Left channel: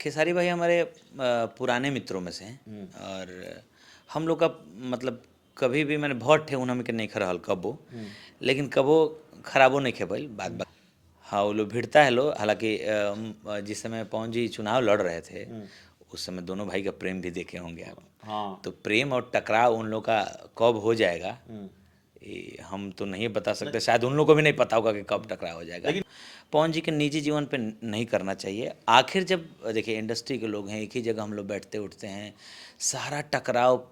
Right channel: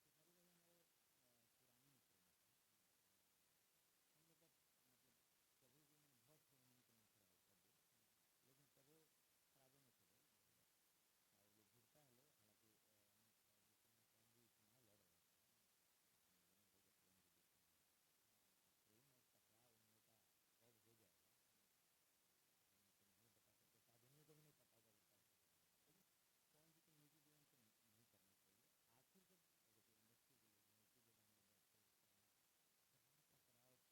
खेसारी भाई हमारे पुराने मित्रों में से हैं और हम लोग का मतलब कभी भी मैंने बहुत ठे उन्होंने के नहीं खरहल कबो लेकिन कबो खराबो नहीं खे भइल बात बात। हाँ वो लोग भिड़ता है लो हालांकि जिस समय पवन जी चुनाव लड़ रहे थे उस समय दोनों भाई का प्रेम भी देखे होंगे आप। हाँ। तो प्रेम और टकराव उन लोग का कब हो जाएगा ये हम तो नहीं बता सकते, शायद उन लोगों को भी नहीं पता होगा कि कब टकराव हो जाएगा। लेकिन पवन जी के निजी जीवन पे नहीं करना चाहिए। आखिर जब देखिए इंडस्ट्री के लोग हैं, एक ही जगह हम लोग बैठते उठते हैं, सारा टकराव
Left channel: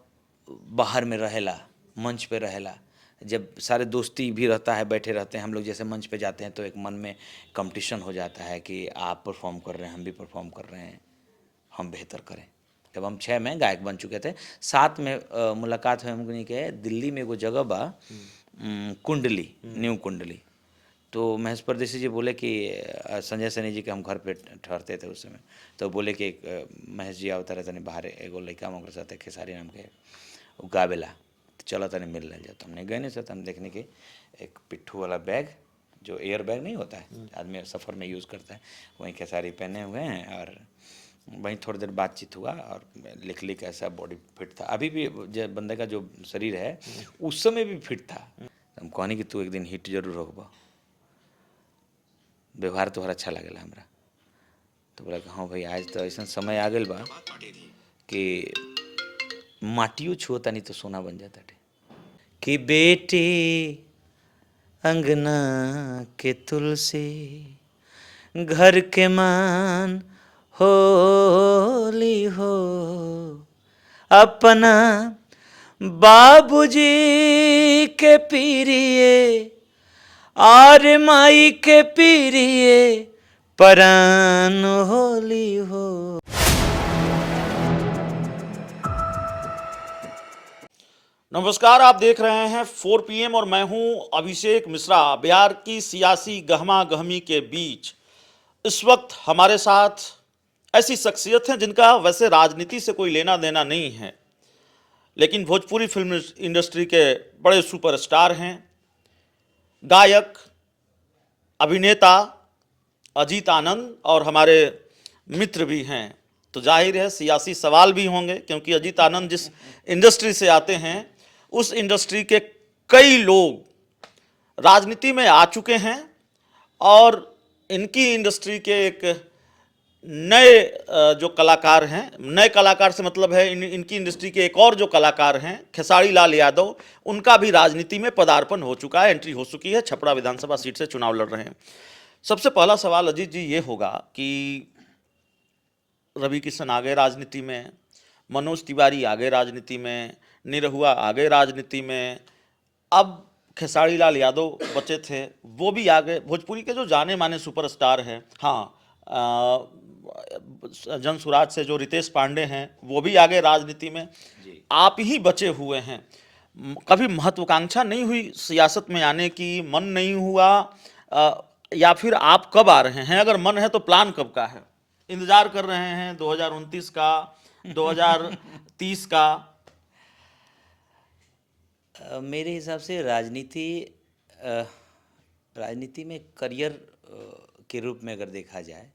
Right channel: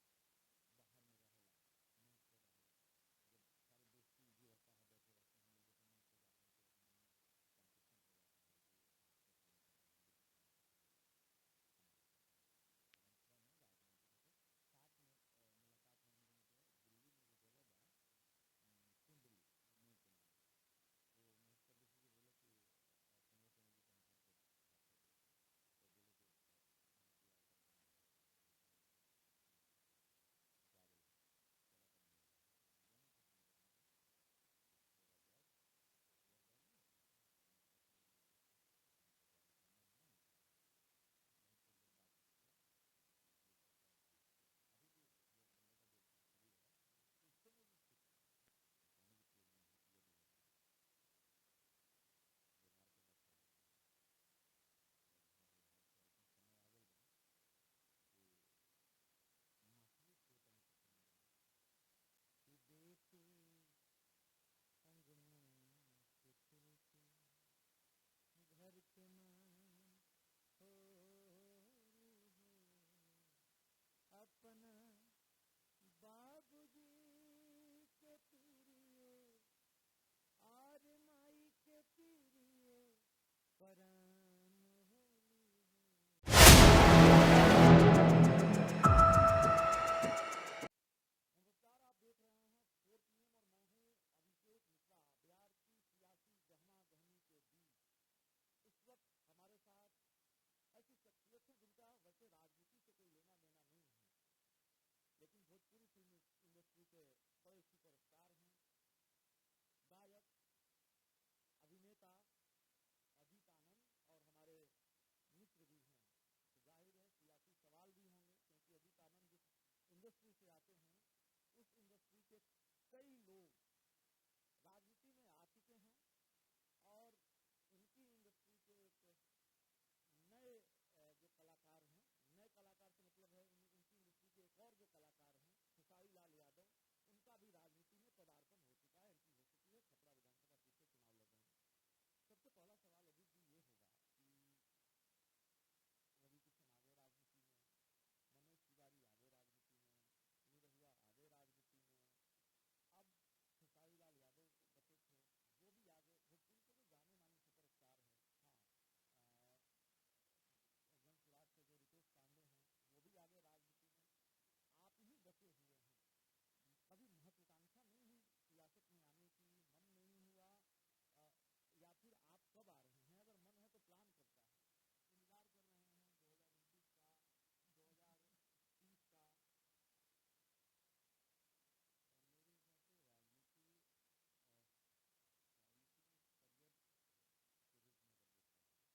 बाहर में रहेला, मंच पे रहेला। जब सारे दोस्ती भी रहता है, बैठे रहते हैं हम लोग, जैसे मंच पे जाते हैं तो एक मन में कंपटीशन हो जाता है कि आप परफॉर्म कर रहे हैं, हम भी परफॉर्म कर रहे हैं, हम बेहतर करें। जब हम 6 में गायक बन चुके थे, 7 में मुलाकात हुई हमको नहीं के दिल्ली में एगो जगह बा, कुंडली, न्यू कुंडली। तो महेश परदेसी जी बोले कि संजय सनी जी के हम घर पे ठहरते थे उस समय, तो बोले कि महेश जी आवता रहते नहीं बाहर, एगो लड़का हम साथ खेसारी नाम के वो गावेला, तो चलो तने मिल रहे जाता। हमने गए नहीं सर, हम देखने के एक पिट्ठू वाला बैग, जो एयर बैग नहीं होता है आदमी सफ़र में यूज़ करता है, वहीं खेसारी पहने हुए हैं और वहीं थोड़ी देर बातचीत हुआ और लिख लिख ऐसा बॉडी फिट था। अभी भी जो बंदे का जो शरीर है उस समय भी फिट था। हम कहनी कि तू एक दिन हिट जरूर होगा, व्यवहार तोहर अच्छा लगेला हमरा। तो बोला कि हाँ भाई आज तो ऐसा समय आ गल बा कि माटियो छुओ तनी तो सोना बन जाता टे कि बेटी अंगना के तुलसी घर के मान होली हो अपना बाबूजी के पीरिए और माई के पीरिए परान होली हो। नमस्कार, आप देख रहे हैं 4 PM और मैं हूं अभिषेक मिश्रा। बिहार की सियासी गहमा गहमी के बीच इस वक्त हमारे साथ ऐसी शख्सियत हैं जिनका वैसे राजनीति से कोई लेना देना नहीं है, लेकिन भोजपुरी फिल्म इंडस्ट्री के बड़े सुपरस्टार हैं, गायक, अभिनेता अजीत आनंद और हमारे मित्र भी हैं। तो जाहिर है सियासी सवाल भी होंगे, क्योंकि अजीत आनंद जिस इंडस्ट्री से आते हैं उस इंडस्ट्री के कई लोग राजनीति में आ चुके हैं और इनकी इंडस्ट्री के एक नए जो कलाकार हैं, नए कलाकार से मतलब है इनकी इंडस्ट्री के एक और जो कलाकार हैं खेसारी लाल यादव, उनका भी राजनीति में पदार्पण हो चुका है, एंट्री हो चुकी है। छपरा विधानसभा सीट से चुनाव लड़ रहे हैं। सबसे पहला सवाल अजीत जी ये होगा कि रवि किशन आ गए राजनीति में, मनोज तिवारी आ गए राजनीति में, निरहुआ आ गए राजनीति में, अब खेसारी लाल यादव बचे थे वो भी आ गए। भोजपुरी के जो जाने माने सुपरस्टार हैं, हाँ, जनसुराज से जो रितेश पांडे हैं वो भी आ गए राजनीति में, आप ही बचे हुए हैं। कभी महत्वाकांक्षा नहीं हुई सियासत में आने की, मन नहीं हुआ, या फिर आप कब आ रहे हैं? अगर मन है तो प्लान कब का है? इंतजार कर रहे हैं 2029 का, 2030 का? मेरे हिसाब से राजनीति में करियर के रूप में अगर देखा जाए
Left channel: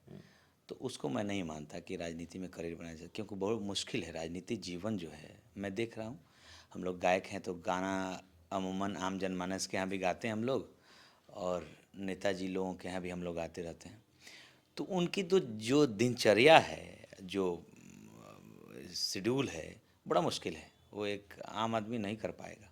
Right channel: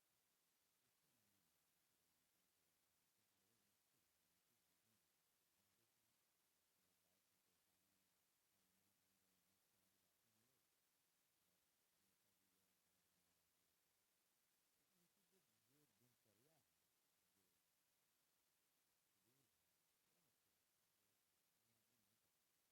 तो उसको मैं नहीं मानता कि राजनीति में करियर बनाया जाए, क्योंकि बहुत मुश्किल है राजनीति जीवन जो है। मैं देख रहा हूँ हम लोग गायक हैं तो गाना अमूमन आम जनमानस के यहाँ भी गाते हैं हम लोग, और नेताजी लोगों के यहाँ भी हम लोग गाते रहते हैं। तो उनकी तो जो दिनचर्या है, जो शेड्यूल है, बड़ा मुश्किल है, वो एक आम आदमी नहीं कर पाएगा।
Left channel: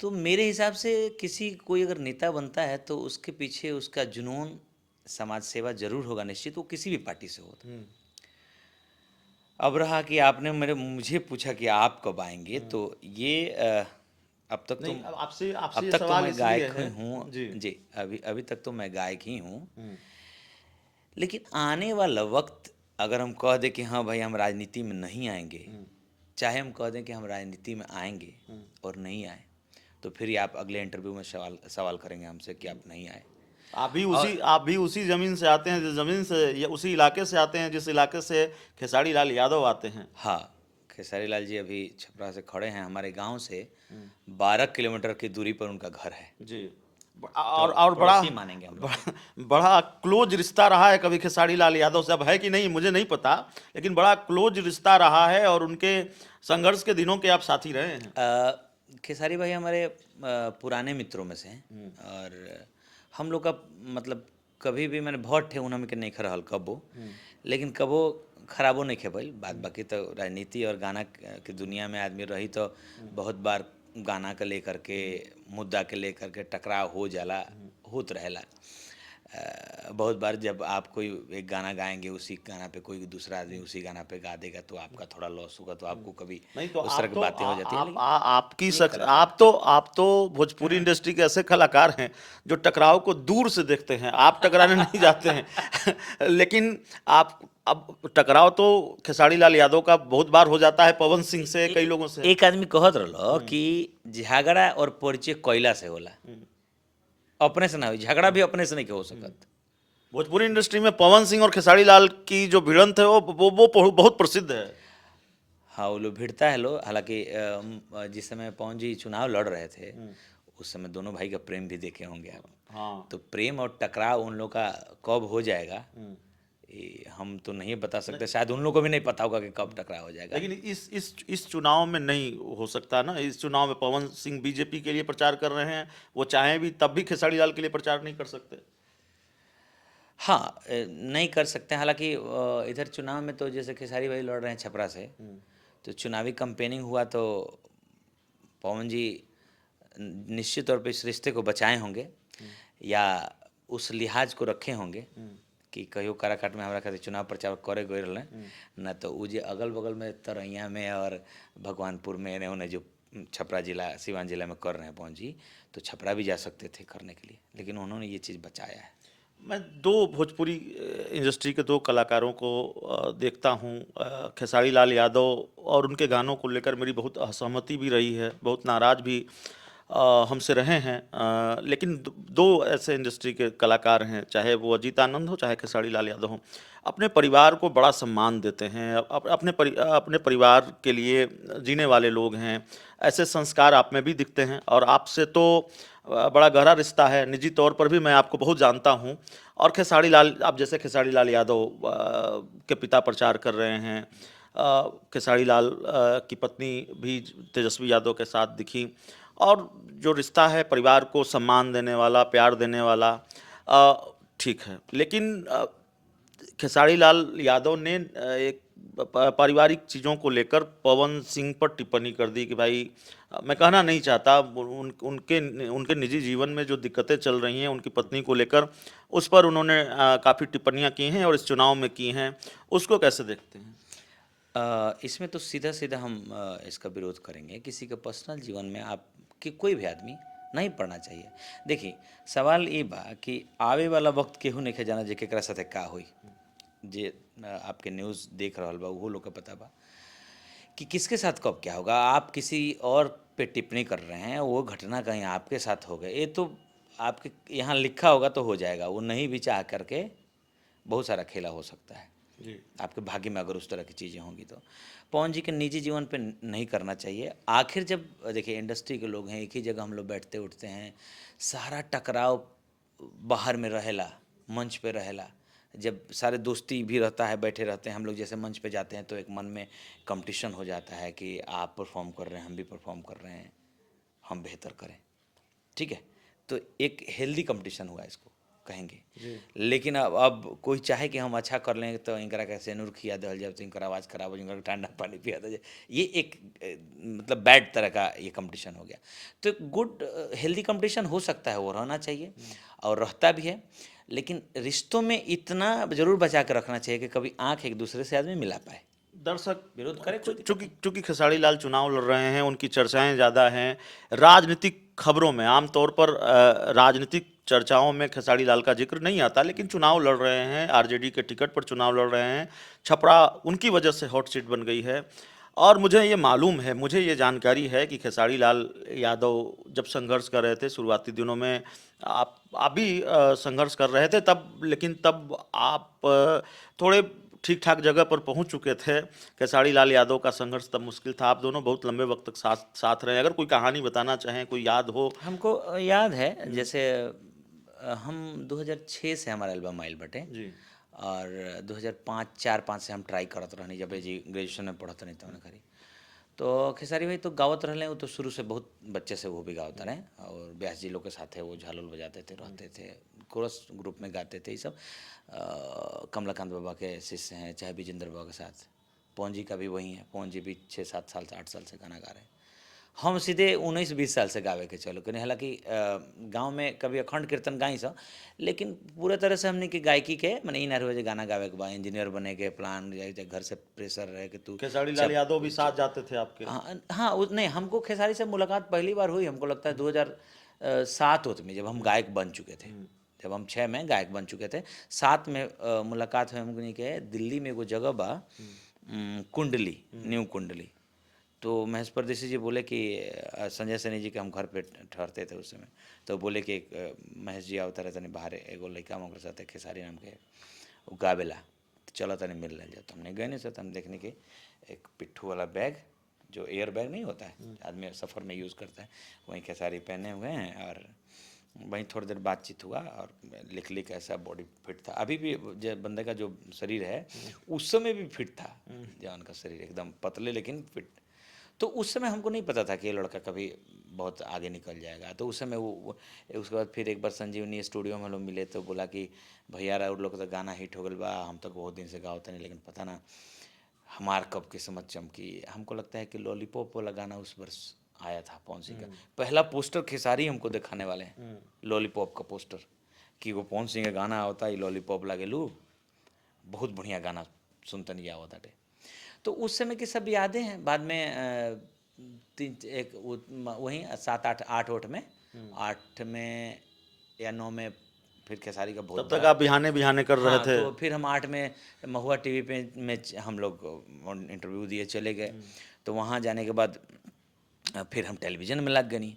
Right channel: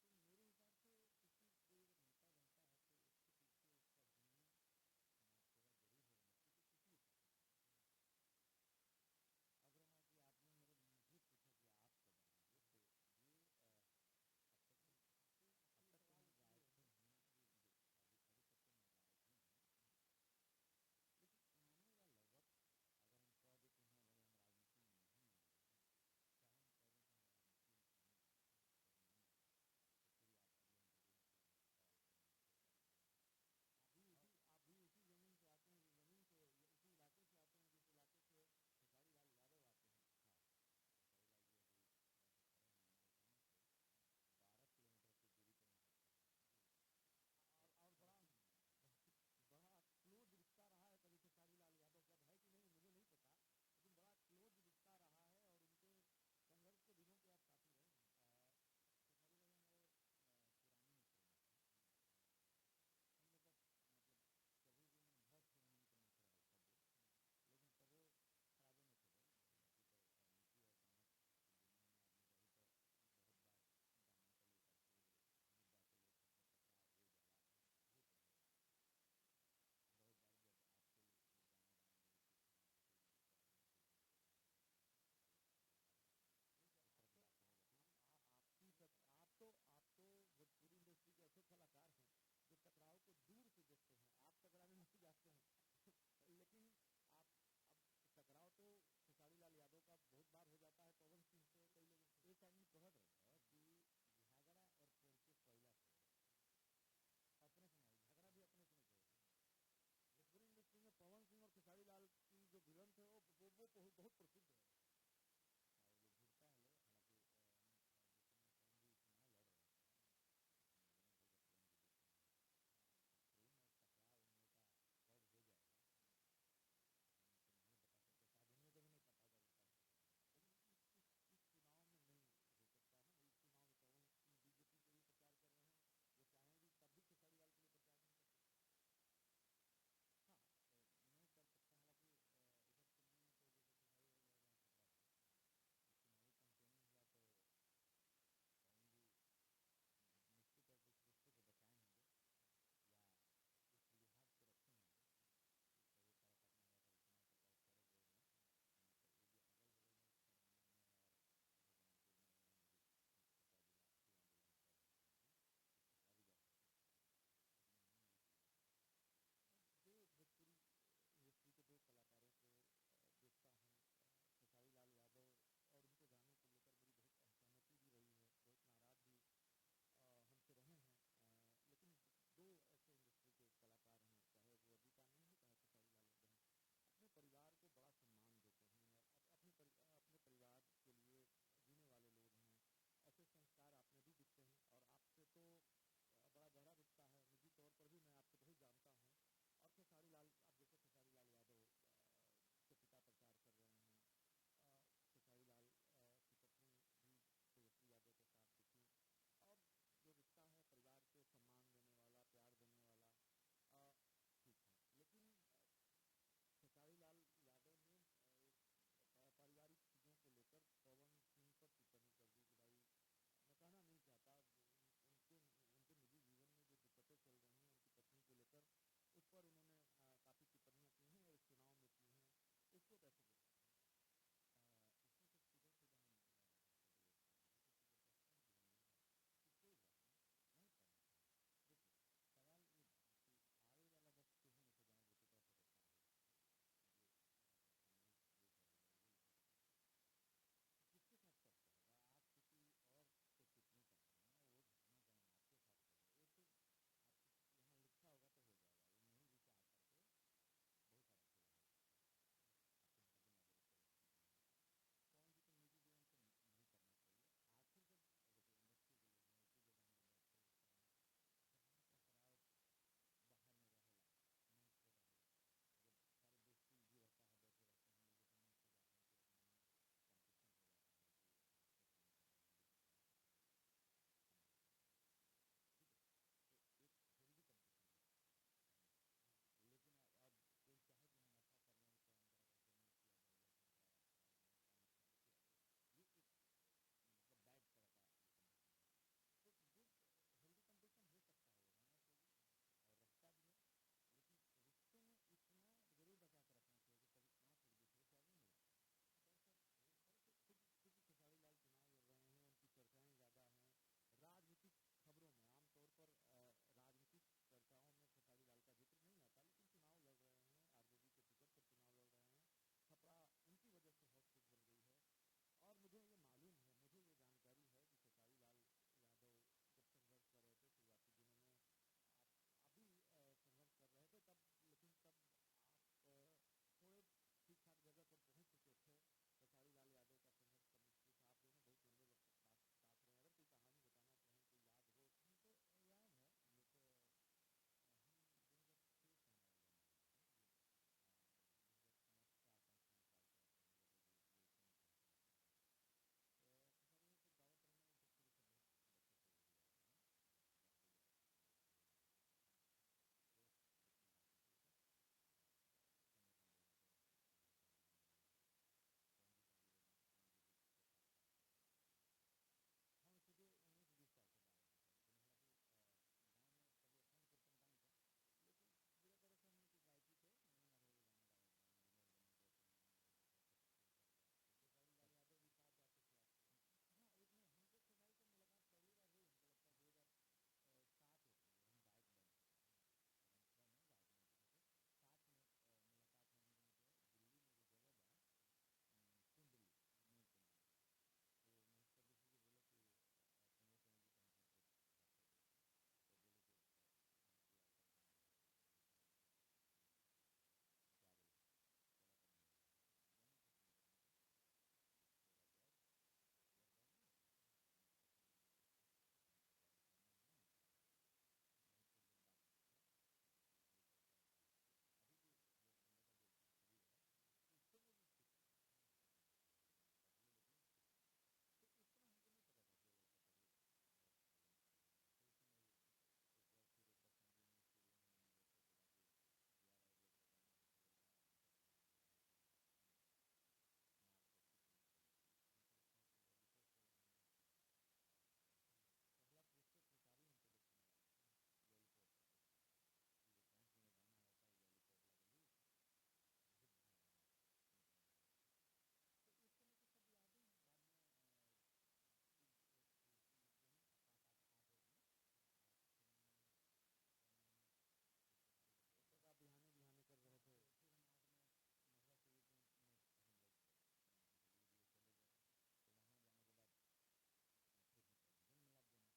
तो मेरे हिसाब से किसी कोई अगर नेता बनता है तो उसके पीछे उसका जुनून समाज सेवा जरूर होगा, निश्चित, वो किसी भी पार्टी से हो। अब रहा कि आपने मुझे पूछा कि आप कब आएंगे, तो ये अब तक तो नहीं, अब आपसे आपसे अब ये तक तो सवाल मैं इसलिए गायक ही है हूँ जी। जी। अभी अभी तक तो मैं गायक ही हूँ, लेकिन आने वाला वक्त अगर हम कह दें कि हाँ भाई हम राजनीति में नहीं आएंगे, चाहे हम कह दें कि हम राजनीति में आएंगे और नहीं आए, तो फिर ही आप अगले इंटरव्यू में सवाल करेंगे हमसे कि आप नहीं आए। और आप भी उसी जमीन से आते हैं जिस जमीन से, या उसी इलाके से आते हैं जिस इलाके से खेसारी लाल यादव आते हैं? हाँ, खेसारी लाल जी अभी छपरा से खड़े हैं, हमारे गांव से 12 किलोमीटर की दूरी पर उनका घर है। जी। और पड़ोसी मानेंगे हम लोग। बड़ा क्लोज रिश्ता रहा है कभी खेसारी लाल यादव से, अब है कि नहीं मुझे नहीं पता, लेकिन बड़ा क्लोज रिश्ता रहा है और उनके संघर्ष के दिनों के आप साथी रहे हैं। खेसारी भाई हमारे पुराने मित्रों में से हैं और हम लोग का मतलब कभी भी मैंने बहुत ठे उनमें के नहीं खरहल कबो, लेकिन कबो खराबो नहीं खेबल बात। बाकी तो राजनीति और गाना की दुनिया में आदमी रही तो बहुत बार गाना के लेकर के मुद्दा के लेकर के टकराव हो जाला, होत रहेला। बहुत बार जब आप कोई एक गाना गाएंगे, उसी गाना पे कोई दूसरा आदमी उसी गाना पे गा देगा तो आपका थोड़ा लॉस होगा, तो आपको कभी नहीं तो उस तरह की बातें हो जाती है। लेकिन आपकी ये सच कलाकार आप तो भोजपुरी इंडस्ट्री के ऐसे कलाकार हैं जो टकराव को दूर से देखते हैं, आप टकराने नहीं जाते हैं। लेकिन आप अब टकराव तो खेसारी लाल यादव का बहुत बार हो जाता है, पवन सिंह से, कई लोगों से। एक आदमी कहत रहो कि झगड़ा और परिचय कोयला से होला, अपने से ना हो। झगड़ा भी अपने से नहीं के हो सकत। भोजपुरी इंडस्ट्री में पवन सिंह और खेसारी लाल की जो भिड़ंत है वो बहुत प्रसिद्ध है। हाँ, वो लोग भिड़ता है लो। हालांकि जिस समय पवन जी चुनाव लड़ रहे थे उस समय दोनों भाई का प्रेम भी देखे होंगे आप। हाँ। तो प्रेम और टकराव उन लोग का कब हो जाएगा ये हम तो नहीं बता सकते, शायद उन लोग को भी नहीं पता होगा कि कब टकराव हो जाएगा। लेकिन इस चुनाव में नहीं हो सकता ना। इस चुनाव में पवन सिंह बीजेपी के लिए प्रचार कर रहे हैं, वो चाहें भी तब भी खेसारी लाल के लिए प्रचार नहीं कर सकते। हाँ, नहीं कर सकते हैं। हालांकि इधर चुनाव में तो जैसे खेसारी भाई लड़ रहे हैं छपरा से, तो चुनावी कैंपेनिंग हुआ तो पवन जी निश्चित तौर पे इस रिश्ते को बचाए होंगे या उस लिहाज को रखे होंगे कि कहियो काराकाट में हमारा खातिर चुनाव प्रचार करे गए रहे न, तो वो जे अगल बगल में तरैया में और भगवानपुर में एने ओने जो छपरा जिला सिवान जिला में कर रहे हैं पवन जी, तो छपरा भी जा सकते थे करने के लिए, लेकिन उन्होंने ये चीज़ बचाया है। मैं दो भोजपुरी इंडस्ट्री के दो कलाकारों को देखता हूँ, खेसारी लाल यादव और उनके गानों को लेकर मेरी बहुत असहमति भी रही है, बहुत नाराज भी हमसे रहे हैं। लेकिन दो ऐसे इंडस्ट्री के कलाकार हैं, चाहे वो अजीत आनंद हो चाहे खेसारी लाल यादव हो, अपने परिवार को बड़ा सम्मान देते हैं, अपने परिवार के लिए जीने वाले लोग हैं। ऐसे संस्कार आप में भी दिखते हैं और आपसे तो बड़ा गहरा रिश्ता है, निजी तौर पर भी मैं आपको बहुत जानता हूँ। और खेसारी लाल, आप जैसे खेसारी लाल यादव के पिता प्रचार कर रहे हैं, खेसारी लाल की पत्नी भी तेजस्वी यादव के साथ दिखी, और जो रिश्ता है परिवार को सम्मान देने वाला, प्यार देने वाला, ठीक है। लेकिन खेसारी लाल यादव ने एक पारिवारिक चीज़ों को लेकर पवन सिंह पर टिप्पणी कर दी कि भाई, मैं कहना नहीं चाहता, उनके निजी जीवन में जो दिक्कतें चल रही हैं उनकी पत्नी को लेकर, उस पर उन्होंने काफ़ी टिप्पणियां की हैं और इस चुनाव में की हैं। उसको कैसे देखते हैं? इसमें तो सीधा सीधा हम इसका विरोध करेंगे। किसी के पर्सनल जीवन में आप कि कोई भी आदमी नहीं पढ़ना चाहिए। देखिए, सवाल ये बा कि आवे वाला वक्त केहू नहीं के जाना जे केकरा साथे का होई। जे आपके न्यूज़ देख रहल बा उहो लोग के पता बा कि किसके साथ कब क्या होगा। आप किसी और पे टिप्पणी कर रहे हैं, वो घटना कहीं आपके साथ हो गए, ये तो आपके यहाँ लिखा होगा तो हो जाएगा। वो नहीं भी चाह करके बहुत सारा खेला हो सकता है जी। आपके भाग्य में, अगर उस तरह की चीज़ें होंगी तो। पवन जी के निजी जीवन पे नहीं करना चाहिए। आखिर जब देखिए इंडस्ट्री के लोग हैं, एक ही जगह हम लोग बैठते उठते हैं, सारा टकराव बाहर में रहेला, मंच पे रहेला। जब सारे दोस्ती भी रहता है, बैठे रहते हैं हम लोग, जैसे मंच पे जाते हैं तो एक मन में कंपटीशन हो जाता है कि आप परफॉर्म कर रहे हैं, हम भी परफॉर्म कर रहे हैं, हम बेहतर करें, ठीक है। तो एक हेल्दी कंपटीशन हुआ इसको कहेंगे। लेकिन अब कोई चाहे कि हम अच्छा कर लें तो इनकरा कैसे नूर खिया दल जाए, तो इनका आवाज़ खराब हो जाए, इनका ठंडा पानी पिया दे जाए, ये एक मतलब बैड तरह का ये कंपटीशन हो गया। तो एक गुड हेल्दी कंपटीशन हो सकता है, वो रहना चाहिए और रहता भी है, लेकिन रिश्तों में इतना जरूर बचा कर रखना चाहिए कि कभी आंख एक दूसरे से आदमी मिला पाए। दर्शक विरोध करे कोई दिक्कत चूंकि खेसारी लाल चुनाव लड़ रहे हैं, उनकी चर्चाएं ज़्यादा हैं राजनीतिक खबरों में। आमतौर पर राजनीतिक चर्चाओं में खेसारी लाल का जिक्र नहीं आता, लेकिन चुनाव लड़ रहे हैं, आरजेडी के टिकट पर चुनाव लड़ रहे हैं, छपरा उनकी वजह से हॉट सीट बन गई है। और मुझे ये मालूम है, मुझे ये जानकारी है कि खेसारी लाल यादव जब संघर्ष कर रहे थे शुरुआती दिनों में, आप भी संघर्ष कर रहे थे तब, लेकिन तब आप थोड़े ठीक ठाक जगह पर पहुंच चुके थे। खेसारी लाल यादव का संघर्ष तब मुश्किल था, आप दोनों बहुत लंबे वक्त तक साथ साथ रहे। अगर कोई कहानी बताना चाहें, कोई याद हो। हमको याद है, जैसे हम 2006 से हमारा एल्बम आइल बटे, जी। और 2005 4-5 से हम ट्राई करत रहनी, जब जी ग्रेजुएशन में पढ़त नहीं तब करी। तो खेसारी भाई तो गावत रहले, वो तो शुरू से बहुत बच्चे से वो भी गावत रहे, और व्यास जी लोग के साथ है वो झाल उल बजाते थे, रहते थे, कोरस ग्रुप में गाते थे ये सब। कमलाकांत बाबा के शिष्य हैं, चाहे विजेंद्र बाबा के साथ। पवन जी का भी वही है, पवन जी भी 6-7 साल से 8 साल से गाना गा रहे हैं। हम सीधे 19-20 साल से गावे के चलो करें। हालांकि गांव में कभी अखंड कीर्तन गाई सब, लेकिन पूरे तरह से हमने की गायकी के मैंने इन रोज गाना गावे के बाद इंजीनियर बने के प्लान, या घर से प्रेशर रहे कि तू खेसारी लाल यादव भी साथ जाते थे आपके? हाँ हाँ, नहीं, हमको खेसारी से मुलाकात पहली बार हुई, हमको लगता है 2007 होत में, जब हम गायक बन चुके थे। जब हम 6 में गायक बन चुके थे, 7 में मुलाकात हुई हमको के दिल्ली में एगो जगह बा, कुंडली, न्यू कुंडली। तो महेश परदेसी जी बोले कि संजय सैनी जी के हम घर पे ठहरते थे उस समय, तो बोले कि महेश जी आवता रहते नहीं बाहर, एगो लड़का हम साथ है खेसारी नाम के, वो गावेला, तो चलो तनी मिल रहा जाता। हमने गए नहीं सर, हम देखने के एक पिट्ठू वाला बैग, जो एयर बैग नहीं होता है आदमी सफ़र में यूज़ करता है, वहीं खेसारी पहने हुए हैं, और वहीं थोड़ी देर बातचीत हुआ, और लिख ऐसा बॉडी फिट था। अभी भी जो बंदे का जो शरीर है उस समय भी फिट था, जवान का शरीर एकदम पतले लेकिन फिट। तो उस समय हमको नहीं पता था कि ये लड़का कभी बहुत आगे निकल जाएगा। तो उस समय उसके बाद फिर एक बार संजीवनी स्टूडियो में हम लोग मिले, तो बोला कि भैया और लोग तो गाना हिट हो गल बा, हम तो बहुत दिन से गाते नहीं, लेकिन पता ना हमार कब किस्मत चमकी। हमको लगता है कि लॉलीपॉप वाला गाना उस वर्ष आया था पवन सिंह का, पहला पोस्टर खेसारी हमको दिखाने वाले हैं, लॉलीपॉप का पोस्टर, कि वो पवन सिंह का गाना होता है लॉलीपॉप लागे लू, बहुत बढ़िया गाना सुनते नहीं आवता थे। तो उस समय की सब यादें हैं। बाद में वहीं 7-8 में 8 में या 9 में फिर खेसारी का तब बहुत तक बड़ा, आप बिहाने बिहाने कर रहे हाँ, थे। तो फिर हम 8 में महुआ टीवी पे में हम लोग इंटरव्यू दिए चले गए। तो वहाँ जाने के बाद फिर हम टेलीविज़न में लग गए।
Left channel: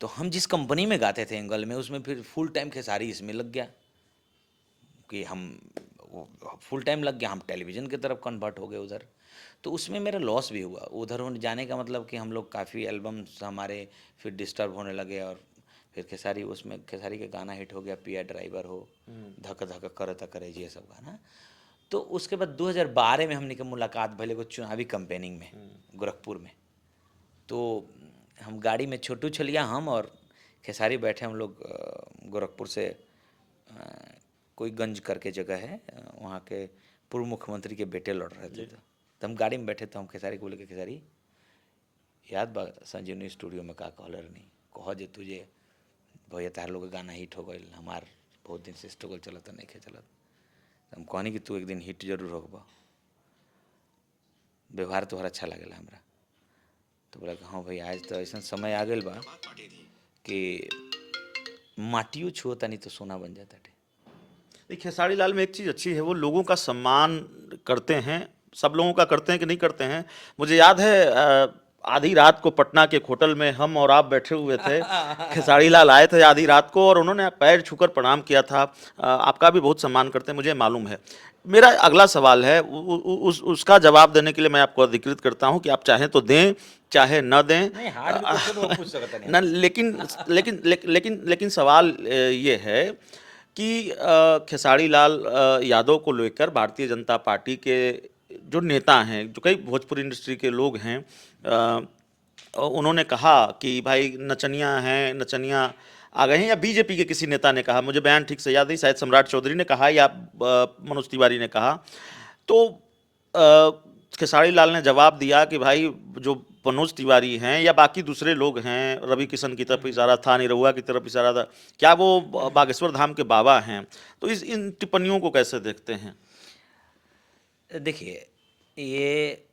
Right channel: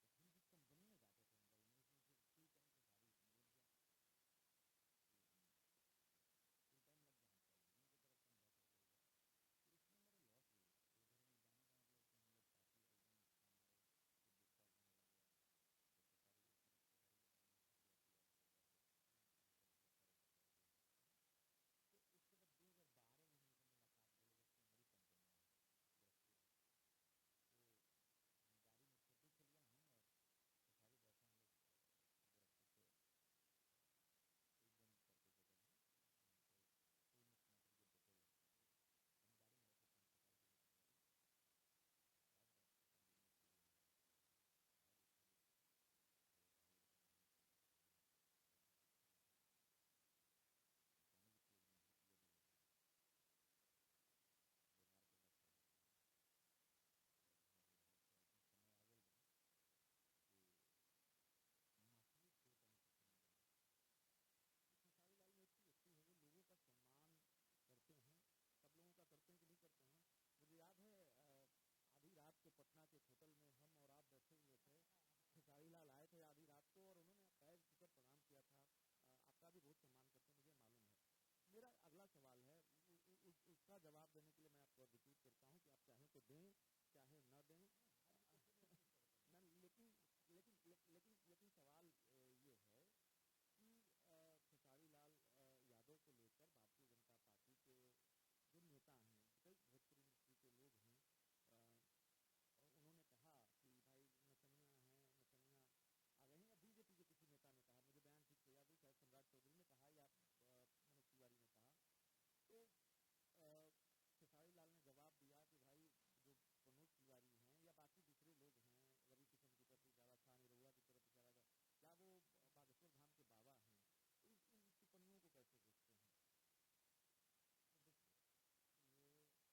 तो हम जिस कंपनी में गाते थे एंगल में, उसमें फिर फुल टाइम खेसारी इसमें लग गया, कि हम फुल टाइम लग गया, हम टेलीविज़न की तरफ कन्वर्ट हो गए उधर। तो उसमें मेरा लॉस भी हुआ उधर होने जाने का, मतलब कि हम लोग काफ़ी एल्बम्स हमारे फिर डिस्टर्ब होने लगे, और फिर खेसारी, उसमें खेसारी का गाना हिट हो गया, पिया ड्राइवर हो, धक धक करता करे, ये सब गाना। तो उसके बाद 2012 में हमने के मुलाकात भले को चुनावी कंपेनिंग में गोरखपुर में। तो हम गाड़ी में, छोटू छलिया हम और खेसारी बैठे, हम लोग गोरखपुर से कोई गंज करके जगह है, वहाँ के पूर्व मुख्यमंत्री के बेटे लड़ रहे थे। तो हम गाड़ी में बैठे, तो हम खेसारी को बोले कि खेसारी याद बा संजीवनी स्टूडियो में का कहलर नहीं, कह जे तुझे भैया तार लोग गाना हिट हो गई, हमार बहुत दिन से स्ट्रगल चलता नहीं खे चलत। हम कहनी कि तू एक दिन हिट जरूर होगा, व्यवहार तोहर अच्छा लगेला हमरा। तो बोला कि हाँ भाई, आज तो ऐसा समय आ गया बा कि माटियों छुओ तनी तो सोना बन जाता है। देखिए, खेसारी लाल में एक चीज़ अच्छी है, वो लोगों का सम्मान करते हैं। सब लोगों का करते हैं कि नहीं करते हैं। मुझे याद है आधी रात को पटना के एक होटल में हम और आप बैठे हुए थे, खेसारी लाल आए थे आधी रात को, और उन्होंने पैर छूकर प्रणाम किया था। आपका भी बहुत सम्मान करते हैं, मुझे मालूम है। मेरा अगला सवाल है, उसका जवाब देने के लिए मैं आपको अधिकृत करता हूं कि आप चाहें तो दें, चाहे न दें। नहीं, हार्ड भी क्वेश्चन वो पूछ सकते नहीं न, हमसे। लेकिन सवाल ये है कि खेसारी लाल यादव को लेकर भारतीय जनता पार्टी के जो नेता हैं, जो कई भोजपुरी इंडस्ट्री के लोग हैं, उन्होंने कहा कि भाई नचनिया हैं, नचनिया आ गए हैं, या बीजेपी के किसी नेता ने कहा, मुझे बयान ठीक से याद नहीं, शायद सम्राट चौधरी ने कहा या मनोज तिवारी ने कहा। तो खेसारी लाल ने जवाब दिया कि भाई जो मनोज तिवारी हैं या बाकी दूसरे लोग हैं, रवि किशन की तरफ इशारा था, निरहुआ की तरफ इशारा था, क्या वो बागेश्वर धाम के बाबा हैं? तो इन टिप्पणियों को कैसे देखते हैं? देखिए, ये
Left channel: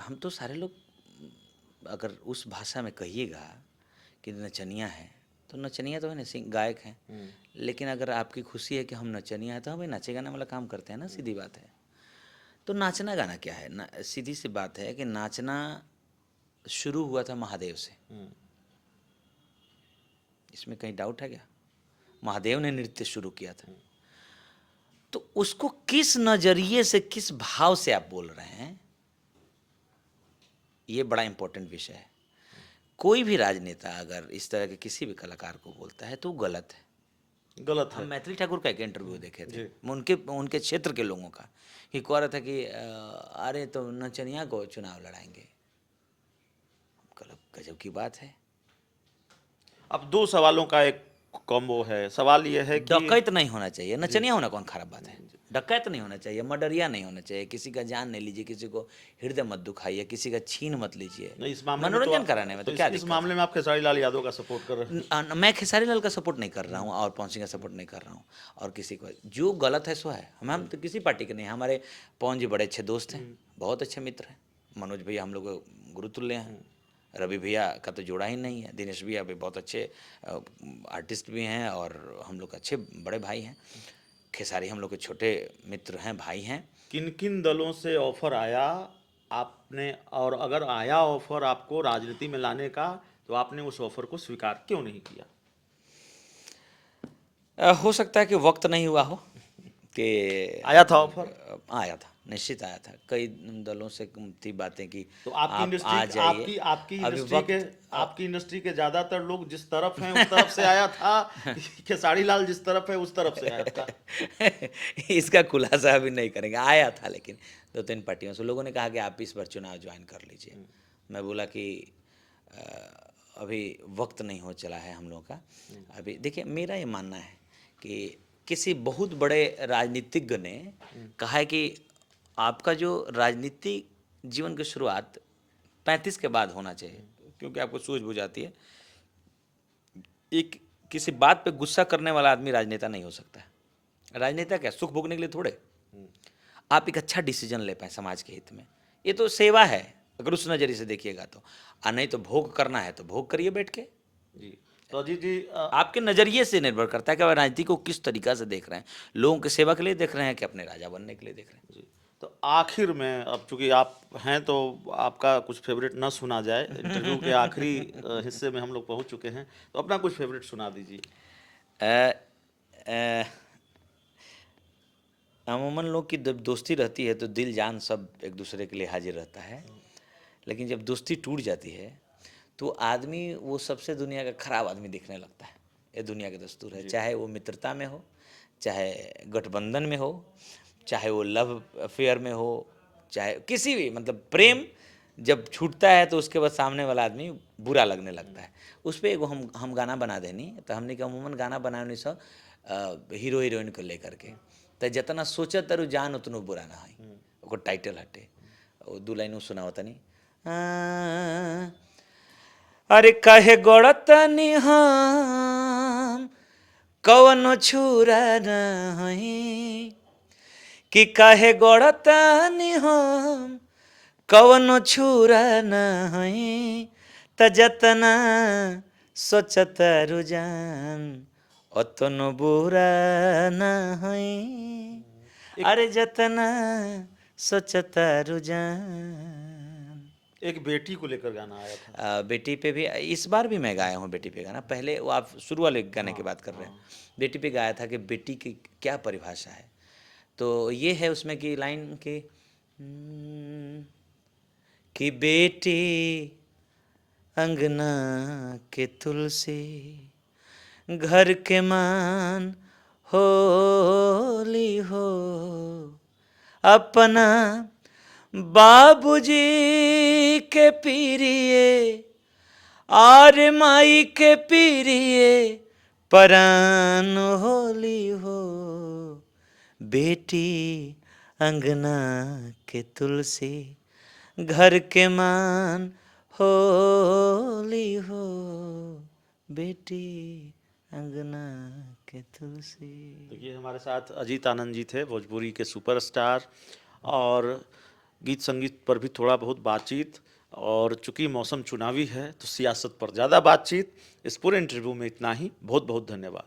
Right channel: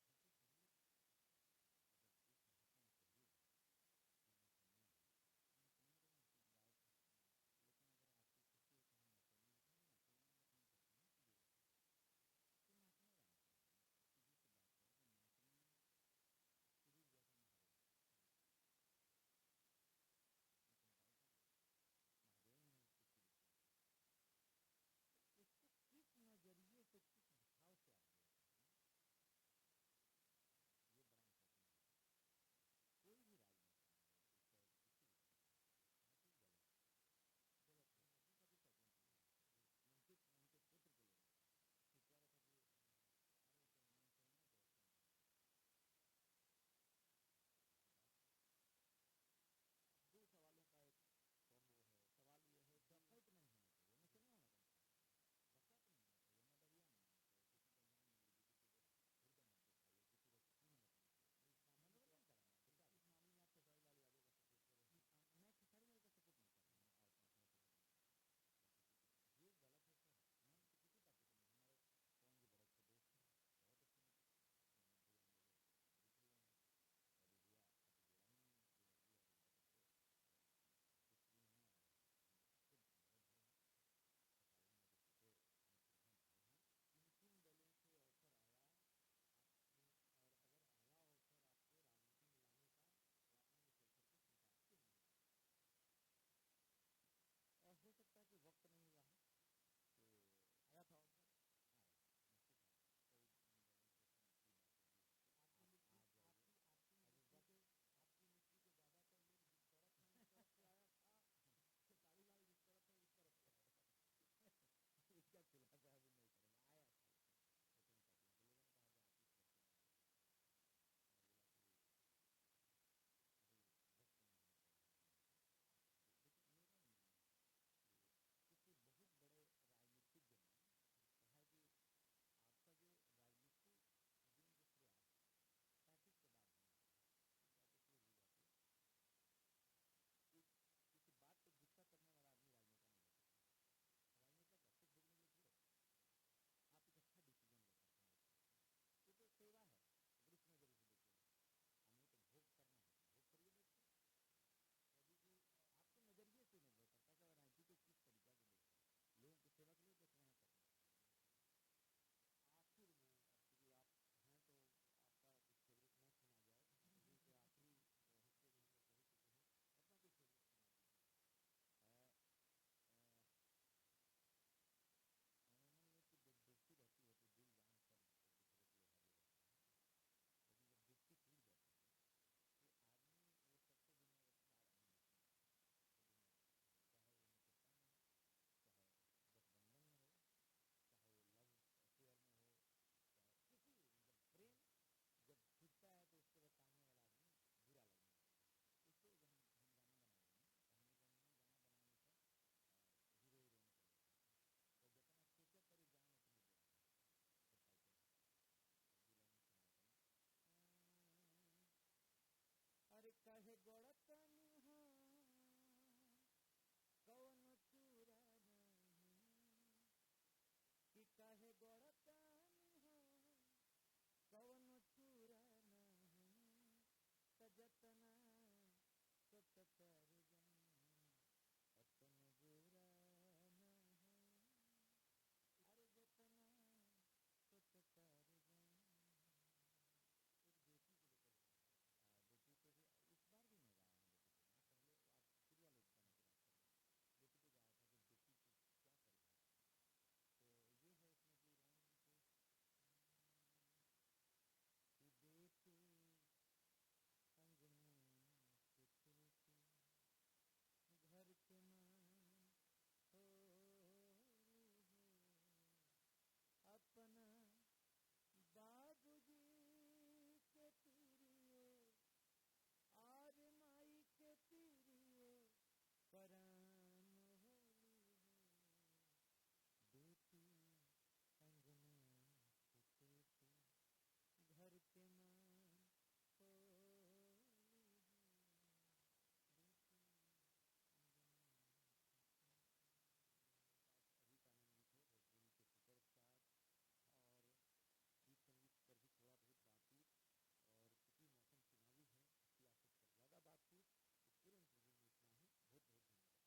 हम तो सारे लोग, अगर उस भाषा में कहिएगा कि नचनिया है, तो नचनिया तो है ना, गायक हैं। लेकिन अगर आपकी खुशी है कि हम नचनिया है, तो हमें नाचे गाने वाला काम करते हैं ना, सीधी बात है। तो नाचना गाना क्या है ना, सीधी सी बात है कि नाचना शुरू हुआ था महादेव से। इसमें कहीं डाउट है क्या? महादेव ने नृत्य शुरू किया था। तो उसको किस नजरिए से, किस भाव से आप बोल रहे हैं, ये बड़ा इंपॉर्टेंट विषय है। कोई भी राजनेता अगर इस तरह के किसी भी कलाकार को बोलता है तो वो गलत है। गलत हम है। मैथिली ठाकुर का एक इंटरव्यू देखे थे, जी। उनके उनके क्षेत्र के लोगों का, कि कह रहा था कि अरे तो नचनिया को चुनाव लड़ाएंगे। गजब की बात है। अब दो सवालों का एक कॉम्बो है। सवाल यह है कि डकैत नहीं होना चाहिए, नचनिया होना कौन खराब बात है। डकैत नहीं होना चाहिए, मर्डरिया नहीं होना चाहिए, किसी का जान नहीं लीजिए, किसी को हृदय मत दुखाइए, किसी का छीन मत लीजिए। नहीं, इस मामले में मनोरंजन कराने में तो क्या इस दिक्कत मामले में आप खेसारी लाल यादव का सपोर्ट कर रहे हैं। मैं खेसारी लाल का सपोर्ट नहीं कर रहा हूँ और पवन सिंह का सपोर्ट नहीं कर रहा हूँ, और किसी को जो गलत है सो है। हम तो किसी पार्टी के नहीं, हमारे पवन जी बड़े अच्छे दोस्त हैं, बहुत अच्छे मित्र हैं। मनोज भैया हम लोग गुरुतुल्य हैं, रवि भैया का तो जोड़ा ही नहीं है, दिनेश भैया भी बहुत अच्छे आर्टिस्ट भी हैं और हम लोग अच्छे बड़े भाई हैं। खेसारी हम लोग के छोटे मित्र हैं, भाई हैं। किन किन दलों से ऑफर आया आपने, और अगर आया ऑफर आपको राजनीति में लाने का, तो आपने उस ऑफर को स्वीकार क्यों नहीं किया? हो सकता है कि वक्त नहीं हुआ हो कि आया था ऑफर? आया था, निश्चित आया था। कई दलों से थी बातें कि तो आपकी आप इंडस्ट्री आ जाइए। आपकी अभी इंडस्ट्री वक्त के आपकी इंडस्ट्री के ज्यादातर लोग जिस तरफ हैं उस तरफ से आया था, खेसारी लाल जिस तरफ है उस तरफ से आया था? इसका खुलासा अभी नहीं करेंगे। आया था, लेकिन 2-3 पार्टियों से लोगों ने कहा कि आप इस बार चुनाव ज्वाइन कर लीजिए। मैं बोला कि अभी वक्त नहीं हो चला है हम लोगों का। अभी देखिए, मेरा ये मानना है कि किसी बहुत बड़े राजनीतिज्ञ ने कहा है कि आपका जो राजनीतिक जीवन की शुरुआत 35 के बाद होना चाहिए, क्योंकि आपको सूझबूझ आती है। एक किसी बात पे गुस्सा करने वाला आदमी राजनेता नहीं हो सकता है। राजनेता क्या, सुख भोगने के लिए थोड़े, आप एक अच्छा डिसीजन ले पाए समाज के हित में। ये तो सेवा है अगर उस नज़रिए से देखिएगा तो। नहीं तो भोग करना है तो भोग करिए बैठ के। जी, तो अजीत जी आपके नज़रिए से निर्भर करता है कि आप राजनीति को किस तरीका से देख रहे हैं। लोगों की सेवा के लिए देख रहे हैं कि अपने राजा बनने के लिए देख रहे हैं। जी, तो आखिर में, अब चूंकि आप हैं तो आपका कुछ फेवरेट ना सुना जाए, इंटरव्यू के आखिरी हिस्से में हम लोग पहुंच चुके हैं, तो अपना कुछ फेवरेट सुना दीजिए। अ, अमूमन लोग की जब दोस्ती रहती है तो दिल जान सब एक दूसरे के लिए हाजिर रहता है, लेकिन जब दोस्ती टूट जाती है तो आदमी वो सबसे दुनिया का खराब आदमी दिखने लगता है। ये दुनिया का दस्तूर है, चाहे वो मित्रता में हो, चाहे गठबंधन में हो, चाहे वो लव अफेयर में हो, चाहे किसी भी, मतलब प्रेम जब छूटता है तो उसके बाद सामने वाला आदमी बुरा लगने लगता है। उस पर एगो हम गाना बना देनी, तो हमने के अमूमन गाना बनाने से हीरो हीरोइन को लेकर के, तो जितना सोचत तारू जान उतनो बुरा ना है। ओकर टाइटल हटे, वो 2 लाइन सुना होता नहीं। अरे कहे गड़तनी हम कवनो छुरा नहीं, कि कहे गड़तनी हम कवनो छुरा नहीं, त जतना सोचत रुझान अतनो बुरा नहीं। अरे जतना सोचत रुझान। एक बेटी को लेकर गाना आया था। बेटी पे भी इस बार भी मैं गाया हूँ बेटी पे गाना। पहले वो आप शुरू वाले गाने की बात कर रहे हैं, बेटी पे गाया था कि बेटी की क्या परिभाषा है। तो ये है उसमें की लाइन कि बेटी अंगना के तुलसी, घर के मान होली हो, अपना बाबूजी के पीरिये आर माई के पीरिये परान होली हो। बेटी अंगना के तुलसी, घर के मान होली हो, बेटी अंगना के तुलसी। देखिए, हमारे साथ अजीत आनंद जी थे, भोजपुरी के सुपरस्टार, और गीत संगीत पर भी थोड़ा बहुत बातचीत, और चूंकि मौसम चुनावी है तो सियासत पर ज़्यादा बातचीत। इस पूरे इंटरव्यू में इतना ही। बहुत बहुत धन्यवाद।